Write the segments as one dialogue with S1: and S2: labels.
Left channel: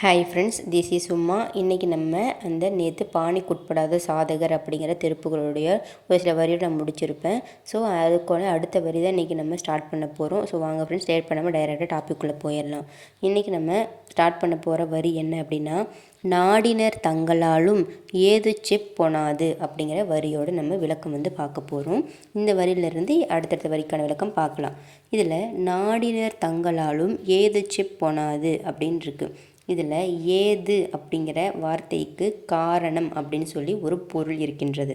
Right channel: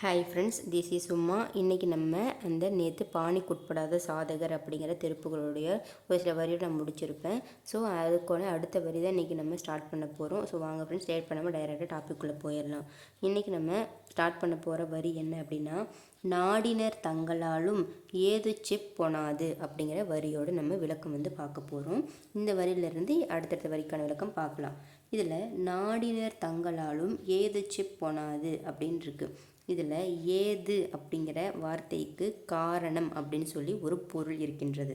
S1: Hi friends this is சும்மா இன்றைக்கி நம்ம அந்த நேற்று பாணிக்குட்படாத சாதகர் அப்படிங்கிற திருப்புகளுடைய ஒரு சில வரியை நான் முடிச்சிருப்பேன். ஸோ அதுக்கான அடுத்த வரி தான் இன்றைக்கி நம்ம ஸ்டார்ட் பண்ண போகிறோம் ஸோ வாங்க ஃப்ரெண்ட்ஸ் லேட் பண்ணாமல் டைரெக்டாக டாப்பிக்குள்ளே போயிடலாம். இன்றைக்கி நம்ம ஸ்டார்ட் பண்ண போகிற வரி என்ன அப்படின்னா நாடினர் தங்களாலும் ஏது செப் பொனாது அப்படிங்கிற வரியோட நம்ம விளக்கம் வந்து பார்க்க போகிறோம் இந்த வரியிலிருந்து அடுத்தடுத்த வரிக்கான விளக்கம் பார்க்கலாம். இதில் நாடினர் தங்களாலும் ஏது செப் பொனாது அப்படின்னு இருக்குது இதில் ஏது அப்படிங்கிற வார்த்தைக்கு காரணம் அப்படின்னு சொல்லி ஒரு பொருள் இருக்கின்றது.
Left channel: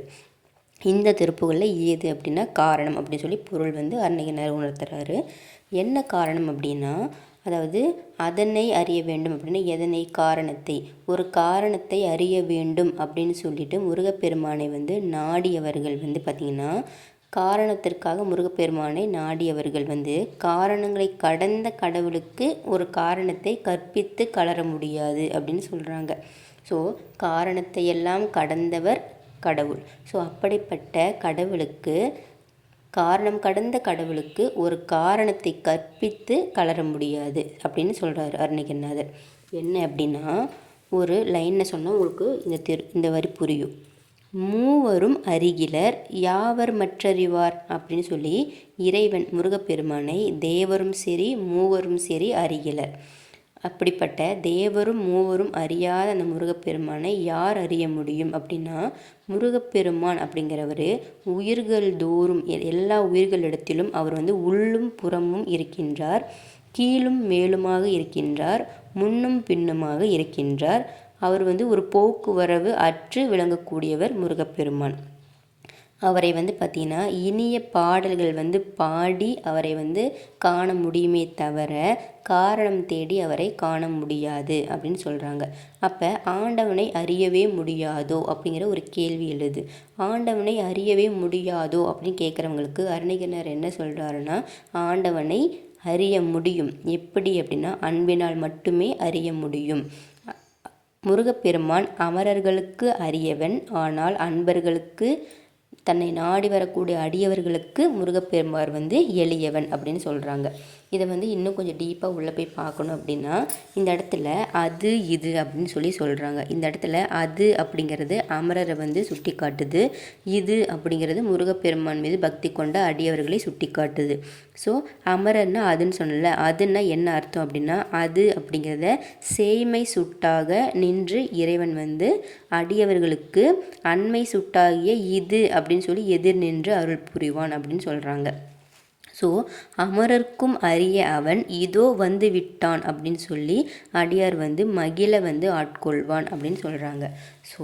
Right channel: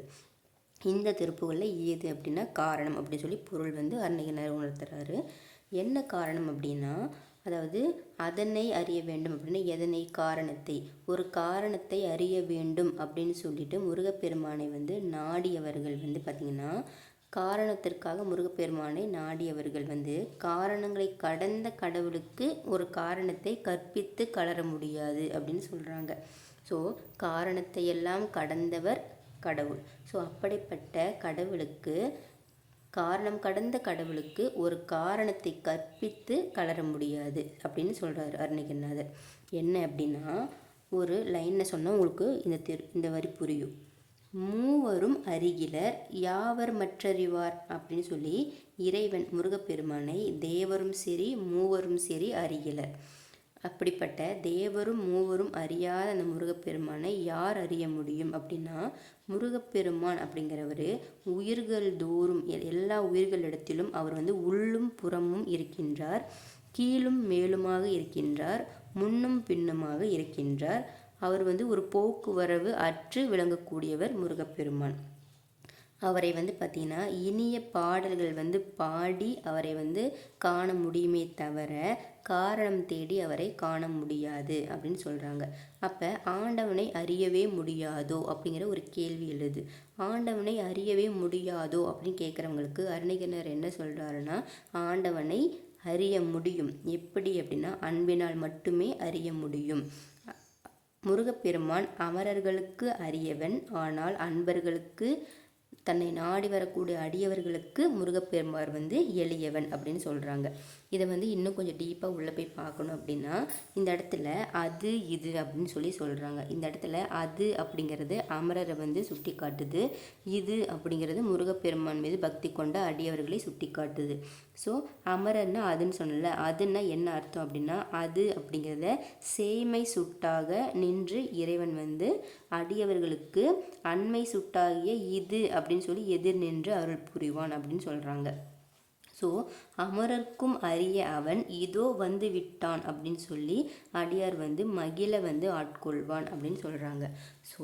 S1: இந்த திருப்புகளில் ஏது அப்படின்னா காரணம் அப்படின்னு சொல்லி பொருள் வந்து அருணகிரினார் உணர்த்துறாரு. என்ன காரணம் அப்படின்னா அதாவது அதனை அறிய வேண்டும் அப்படின்னா எதனை? காரணத்தை. ஒரு காரணத்தை அறிய வேண்டும் அப்படின்னு சொல்லிட்டு முருகப்பெருமானை வந்து நாடியவர்கள் வந்து பார்த்திங்கன்னா காரணத்திற்காக முருகப்பெருமானை நாடியவர்கள் வந்து காரணங்களை கடந்த கடவுளுக்கு ஒரு காரணத்தை கற்பித்து கலர முடியாது அப்படின்னு சொல்கிறாங்க ஸோ காரணத்தை எல்லாம் கடந்தவர் கடவுள். ஸோ அப்படிப்பட்ட கடவுளுக்கு காரணம் கடந்த கடவுளுக்கு ஒரு காரணத்தை கற்பித்து கலர முடியாது அப்படின்னு சொல்கிறார் அருணகிரிநாதர். என்ன அப்படின்னா ஒரு லைனை சொன்னால் உங்களுக்கு இந்த திரு இந்த வரி புரியும். மூவரும் அருகிலர் யாவர் மற்றறிவார்? அப்படின்னு சொல்லி இறைவன் முருகப்பெருமானை தேவரும் சரி மூவரும் சரி அறிகிலர் அப்படிப்பட்ட தேவரும் மூவரும் அறியாத அந்த முருகப்பெருமானை யார் அறிய முடியும் அப்படின்னா முருகப்பெருமான் அப்படிங்கிறவர் உயிர்கள் தோறும் எல்லா உயிர்களிடத்திலும் அவர் வந்து உள்ளும் புறமும் இருக்கின்றார் கீழும் மேலுமாக இருக்கின்றார் முன்னும் பின்னுமாக இருக்கின்றார். அவர் வந்து ஒரு போக்குவரவு அற்று விளங்கக்கூடியவர் முருகப்பெருமான். அவரை வந்து பார்த்திங்கன்னா இனிய பாடல்கள் வந்து பாடி அவரை வந்து காண முடியுமே தவிர காரணம் தேடி அவரை காண முடியாது அப்படின்னு சொல்கிறாங்க அப்போ ஆண்டவனை அறியவே முடியாதோ அப்படிங்கிற ஒரு கேள்வி எழுது. ஆண்டவனை அறியவே முடியாதோ அப்படின்னு கேட்குறவங்களுக்கு அருணகிரினர் என்ன சொல்கிறாருன்னா ஆண்டவனை அறிய முடியும். எப்படி அப்படின்னா அன்பினால் மட்டுமே அறிய முடியும். முருகப்பெருமான் அமரர்களுக்கு அரியவன். ஆனால் அன்பர்களுக்கு தன்னை நாடி வரக்கூடிய அடியவர்களுக்கு முருகப்பெருமார் வந்து எளியவன் அப்படின்னு சொல்கிறாங்க இதை வந்து இன்னும் கொஞ்சம் டீப்பாக உள்ளே போய் பார்க்கணும் அப்படின்னா இந்த இடத்துல அது இது அப்படின்னு சொல்லி சொல்கிறாங்க இந்த இடத்துல அது அப்படிங்கிறது அமரரை வந்து சுட்டி காட்டுது இது அப்படிங்கிறது முருகப்பெருமான் மீது பக்தி கொண்ட அடியவர்களை சுட்டி காட்டுது ஸோ அமரர்னா அதுன்னு சொன்னல அதுன்னா என்ன அர்த்தம் அப்படின்னா அது அப்படிங்கிறத சேய்மை சுட்டாக நின்று இறைவன் வந்து அடியவர்களுக்கு அண்மை சுட்டாகிய இது அப்படின்னு சொல்லி எதிர் நின்று அருள் புரிவான் அப்படின்னு சொல்கிறாங்க ஸோ அமரர்க்கும் அரிய அவன் இதோ வந்து விட்டான் அப்படின்னு சொல்லி அடியார் வந்து மகிழ வந்து ஆட்கொள்வான் அப்படின்னு சொல்கிறாங்க ஸோ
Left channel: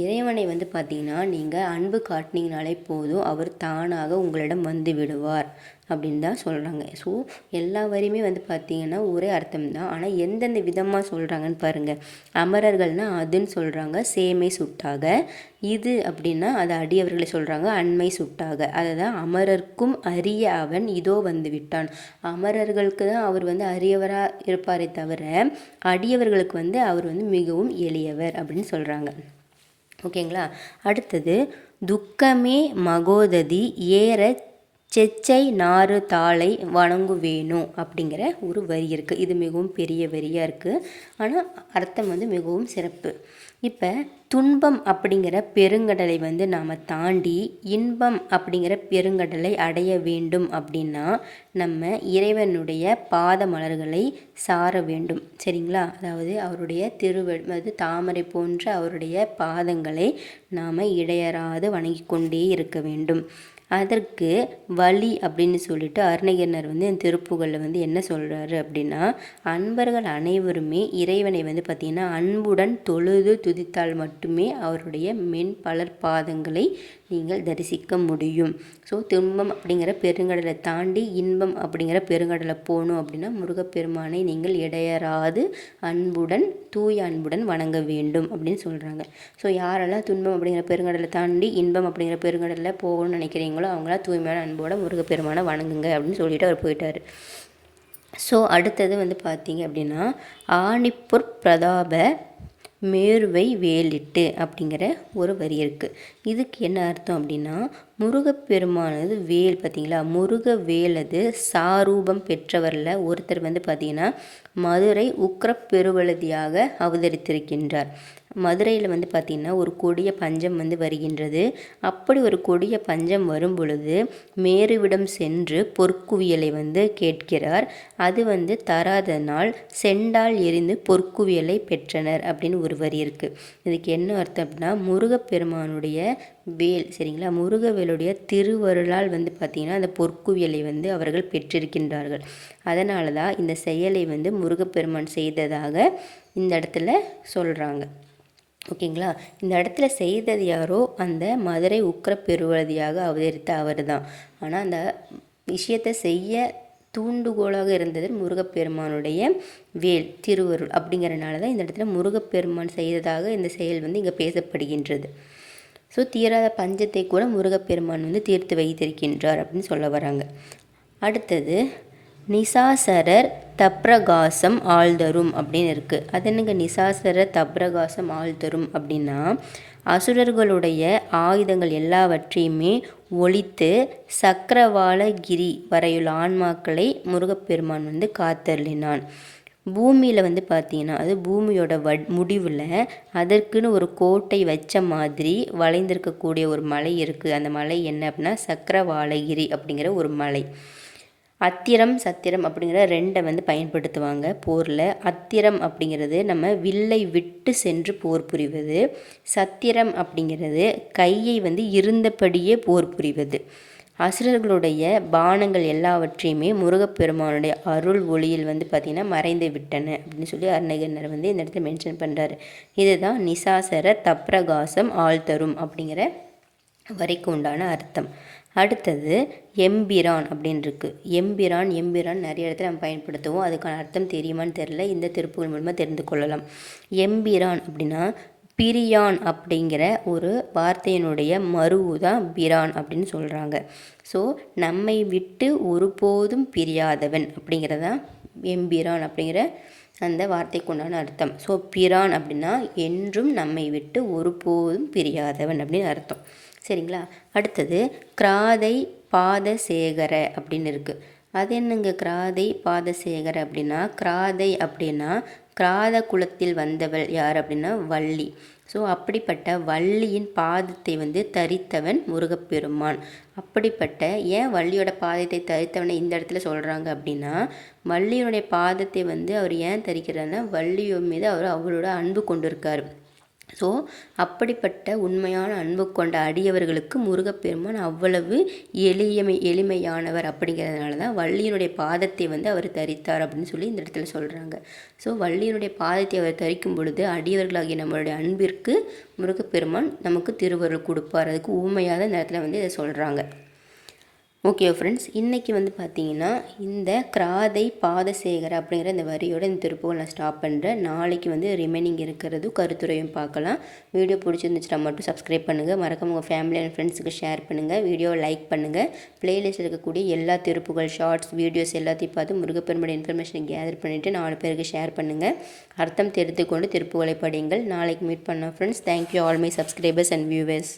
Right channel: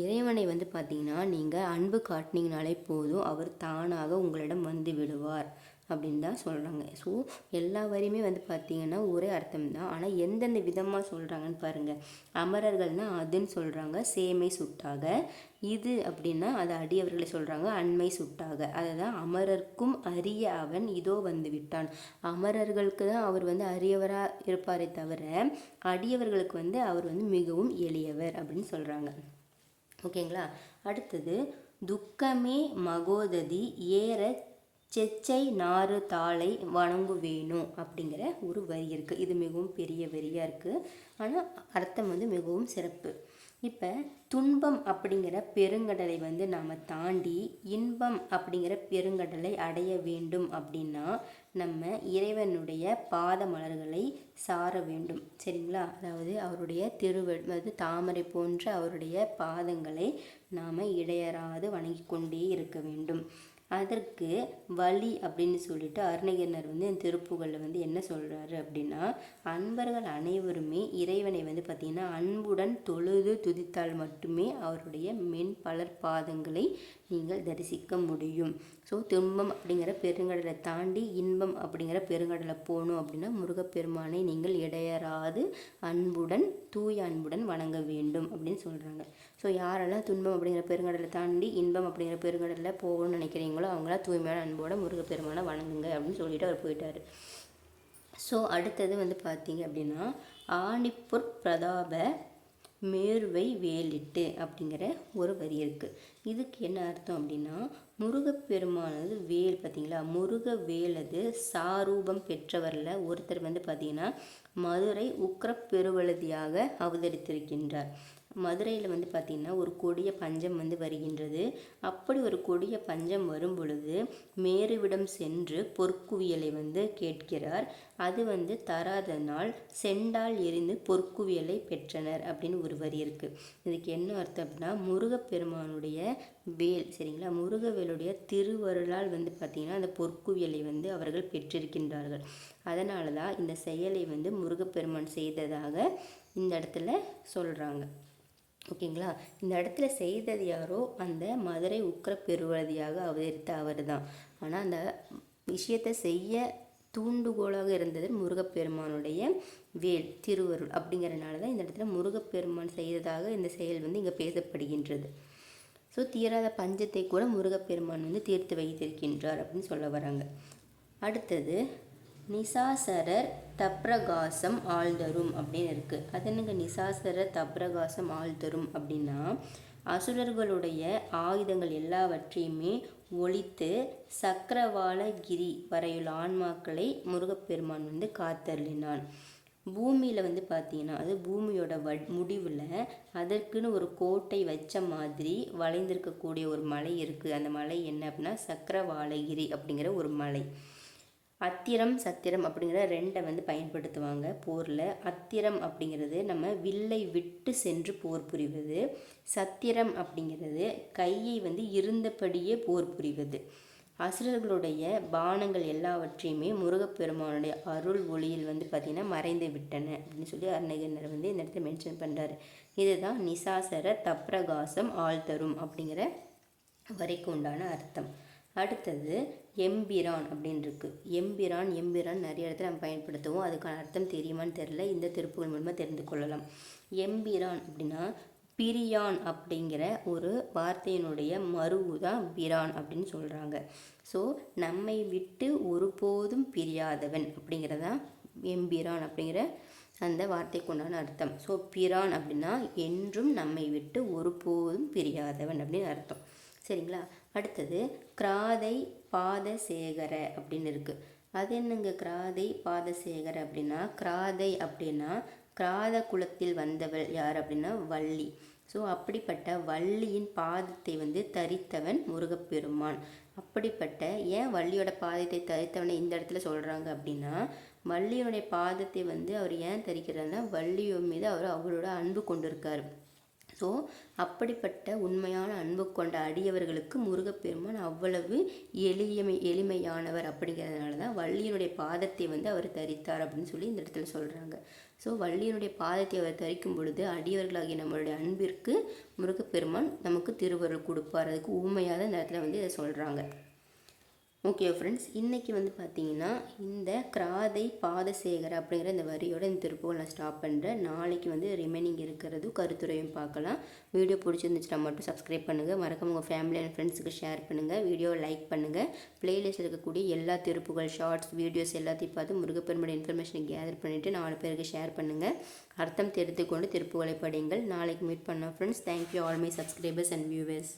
S1: இறைவனை வந்து பார்த்திங்கன்னா நீங்கள் அன்பு காட்டினீங்கனாலே போதும் அவர் தானாக உங்களிடம் வந்து விடுவார். அப்படின்னு தான் சொல்கிறாங்க ஸோ எல்லா வரியுமே வந்து பார்த்திங்கன்னா ஒரே அர்த்தம் தான் ஆனால் எந்தெந்த விதமாக சொல்கிறாங்கன்னு பாருங்கள் அமரர்கள்னால் அதுன்னு சொல்கிறாங்க சேமை சுட்டாக. இது அப்படின்னா அது அடியவர்களை சொல்கிறாங்க அண்மை சுட்டாக. அதை தான் அமரர்க்கும் அரிய அவன் இதோ வந்து விட்டான். அமரர்களுக்கு தான் அவர் வந்து அரியவராக இருப்பாரே தவிர அடியவர்களுக்கு வந்து அவர் வந்து மிகவும் எளியவர் அப்படின்னு சொல்கிறாங்க ஓகேங்களா? அடுத்தது துக்கமே மகோததி ஏற செச்சை நாறு தாளை வணங்குவேணும் அப்படிங்கிற ஒரு வரி இருக்குது இது மிகவும் பெரிய வரியாக இருக்குது ஆனால் அர்த்தம் வந்து மிகவும் சிறப்பு. இப்போ துன்பம் அப்படிங்கிற பெருங்கடலை வந்து நாம் தாண்டி இன்பம் அப்படிங்கிற பெருங்கடலை அடைய வேண்டும் அப்படின்னா நம்ம இறைவனுடைய பாத மலர்களை சார வேண்டும். சரிங்களா? அதாவது அவருடைய திருவ அது தாமரை போன்ற அவருடைய பாதங்களை நாம் இடையறாது வணங்கி கொண்டே இருக்க வேண்டும். அதற்கு வழி அப்படின்னு சொல்லிட்டு அருணகிரினர் வந்து என் திருப்புகளில் வந்து என்ன சொல்கிறாரு அப்படின்னா அன்பர்கள் அனைவருமே இறைவனை வந்து பார்த்திங்கன்னா அன்புடன் தொழுது துதித்தால் மட்டுமே அவருடைய மென் பலர் பாதங்களை நீங்கள் தரிசிக்க முடியும். ஸோ துன்பம் அப்படிங்கிற பெருங்கடலை தாண்டி இன்பம் அப்படிங்கிற பெருங்கடலை போகணும் அப்படின்னா முருகப்பெருமானை நீங்கள் இடையறாது அன்புடன் தூய அன்புடன் வணங்க வேண்டும் அப்படின்னு சொல்கிறாங்க ஸோ யாரெல்லாம் துன்பம் அப்படிங்கிற பெருங்கடலை தாண்டி இன்பம் அப்படிங்கிற பெருங்கடலில் போகணும்னு நினைக்கிறீங்களோ அவங்களாம் தூய்மையான அன்போட முருகப்பெருமானை வணங்குங்க அப்படின்னு சொல்லிட்டு அவர் போயிட்டார். ஸோ அடுத்தது வந்து பார்த்தீங்க அப்படின்னா ஆணிப்பொற் பிரதாப மேருவை வேலிட்டு அப்படிங்கிற ஒரு வரி இருக்குது இதுக்கு என்ன அர்த்தம் அப்படின்னா முருகப்பெருமானது வேல் பார்த்தீங்களா முருக வேலது சாரூபம் பெற்றவரில் ஒருத்தர் வந்து பார்த்திங்கன்னா மதுரை உக்கிரப் பெருவழுதியாக அவதரித்திருக்கின்றார். மதுரையில் வந்து பார்த்திங்கன்னா ஒரு கொடிய பஞ்சம் வந்து வருகின்றது. அப்படி ஒரு கொடிய பஞ்சம் வரும் பொழுது மேருவிடம் சென்று பொற்குவியலை வந்து கேட்கிறார். அது வந்து தராதனால் செண்டால் எரிந்து பொற்குவியலை பெற்றனர் அப்படின்னு ஒரு வரி இருக்குது இதுக்கு என்ன அர்த்தம் அப்படின்னா முருகப்பெருமானுடைய வேல் சரிங்களா? முருகவேலுடைய திருவருளால் வந்து பார்த்திங்கன்னா அந்த பொற்குவியலை வந்து அவர்கள் பெற்றிருக்கின்றார்கள். அதனால தான் இந்த செயலை வந்து முருகப்பெருமான் செய்ததாக இந்த இடத்துல சொல்கிறாங்க ஓகேங்களா? இந்த இடத்துல செய்தது யாரோ அந்த மதுரை உக்கர பெருவதியாக அவதரித்த அவர் தான் ஆனால் அந்த விஷயத்தை செய்ய தூண்டுகோலாக இருந்தது முருகப்பெருமானுடைய வேல் திருவருள் அப்படிங்கிறனால தான் இந்த இடத்துல முருகப்பெருமான் செய்ததாக இந்த செயல் வந்து இங்கே பேசப்படுகின்றது. ஸோ தீராத பஞ்சத்தை கூட முருகப்பெருமான் வந்து தீர்த்து வைத்திருக்கின்றார் அப்படின்னு சொல்ல வராங்க. அடுத்தது நிசாசரர் தப்ரகாசம் ஆழ்தரும் அப்படின்னு இருக்குது அது என்னங்க நிசாசரர் தப்ரகாசம் ஆழ்தரும் அப்படின்னா அசுரர்களுடைய ஆயுதங்கள் எல்லாவற்றையுமே ஒழித்து சக்கரவாளகிரி வரையுள்ள ஆன்மாக்களை முருகப்பெருமான் வந்து காத்தருளினான். பூமியில் வந்து பார்த்தீங்கன்னா அது பூமியோட வ முடிவில் அதற்குன்னு ஒரு கோட்டை வச்ச மாதிரி வளைந்திருக்கக்கூடிய ஒரு மலை இருக்குது அந்த மலை என்ன அப்படின்னா சக்கரவாளகிரி அப்படிங்கிற ஒரு மலை. அத்திரம் சத்திரம் அப்படிங்கிற ரெண்டை வந்து பயன்படுத்துவாங்க போரில். அத்திரம் அப்படிங்கிறது நம்ம வில்லை விட்டு சென்று போர் புரிவது. சத்திரம் அப்படிங்கிறது கையை வந்து இருந்தபடியே போர் புரிவது. அசுரர்களுடைய பானங்கள் எல்லாவற்றையுமே முருகப்பெருமானுடைய அருள் ஒளியில் வந்து பார்த்திங்கன்னா மறைந்து விட்டன அப்படின்னு சொல்லி அருணகிரினர் வந்து இந்த இடத்துல மென்ஷன் பண்ணுறாரு இதுதான் நிசாசர தப்ரகாசம் ஆழ்தரும் அப்படிங்கிற வரைக்கு உண்டான அர்த்தம். அடுத்தது எம்பிரான் அப்படின்னு இருக்குது எம்பிரான் எம்பிரான் நிறைய இடத்துல நம்ம பயன்படுத்துவோம். அதுக்கான அர்த்தம் தெரியுமான்னு தெரில இந்த திருப்புகள் மூலமாக தெரிந்து கொள்ளலாம். எம்பிரான் அப்படின்னா பிரியான் அப்படிங்கிற ஒரு வார்த்தையினுடைய மருவு தான் பிரான் அப்படின்னு சொல்கிறாங்க ஸோ நம்மை விட்டு ஒருபோதும் பிரியாதவன் அப்படிங்கிறதான் எம்பிரான் அப்படிங்கிற அந்த வார்த்தைக்கு உண்டான அர்த்தம். ஸோ பிரான் அப்படின்னா என்றும் நம்மை விட்டு ஒருபோதும் பிரியாதவன் அப்படின்னு அர்த்தம். சரிங்களா? அடுத்தது கிராதை பாதசேகர அப்படின்னு இருக்குது அது என்னங்க கிராதை பாதசேகர அப்படின்னா கிராதை அப்படின்னா கிராத குலத்தில் வந்தவள் யார் அப்படின்னா வள்ளி. ஸோ அப்படிப்பட்ட வள்ளியின் பாதத்தை வந்து தரித்தவன் முருகப்பெருமான். அப்படிப்பட்ட ஏன் வள்ளியோட பாதத்தை தரித்தவனை இந்த இடத்துல சொல்கிறாங்க அப்படின்னா வள்ளியோடைய பாதத்தை வந்து அவர் ஏன் தரிக்கிறாருன்னா வள்ளியோ மீது அவர் அவரோட அன்பு கொண்டிருக்கார். ஸோ அப்படிப்பட்ட உண்மையான அன்பு கொண்ட அடியவர்களுக்கு முருகப்பெருமான் அவ்வளவு எளியமை எளிமையானவர் அப்படிங்கிறதுனால தான் வள்ளியினுடைய பாதத்தை வந்து அவர் தரித்தார் அப்படின்னு சொல்லி இந்த இடத்துல சொல்கிறாங்க ஸோ வள்ளியினுடைய பாதத்தை அவர் தரிக்கும் பொழுது அடியவர்களாகிய நம்மளுடைய அன்பிற்கு முருகப்பெருமான் நமக்கு திருவருள் கொடுப்பார். அதுக்கு ஊமையாக இந்த இடத்துல வந்து இதை சொல்கிறாங்க ஓகே ஃப்ரெண்ட்ஸ் இன்றைக்கி வந்து பார்த்தீங்கன்னா இந்த கிராதை பாதசேகர் அப்படிங்கிற இந்த வரியோட இந்த திருப்புகள் நான் ஸ்டாப் பண்ணுறேன் நாளைக்கு வந்து ரிமைனிங் இருக்கிறது கருத்துரையும் பார்க்கலாம். வீடியோ பிடிச்சிருந்துச்சுன்னா மட்டும் சப்ஸ்கிரைப் பண்ணுங்கள் மறக்காம உங்கள் ஃபேமிலி அண்ட் ஃப்ரெண்ட்ஸுக்கு ஷேர் பண்ணுங்கள் வீடியோவை லைக் பண்ணுங்கள் ப்ளேலிஸ்ட் இருக்கக்கூடிய எல்லா திருப்புகள் ஷார்ட்ஸ் வீடியோஸ் எல்லாத்தையும் பார்த்து முருகப்பெருமோட இன்ஃபர்மேஷனை கேதர் பண்ணிவிட்டு நாலு பேருக்கு ஷேர் பண்ணுங்கள் அர்த்தம் தெரிந்து கொண்டு திருப்புகளை படியுங்கள். நாளைக்கு மீட் பண்ணோம் friends thank you all my subscribers and viewers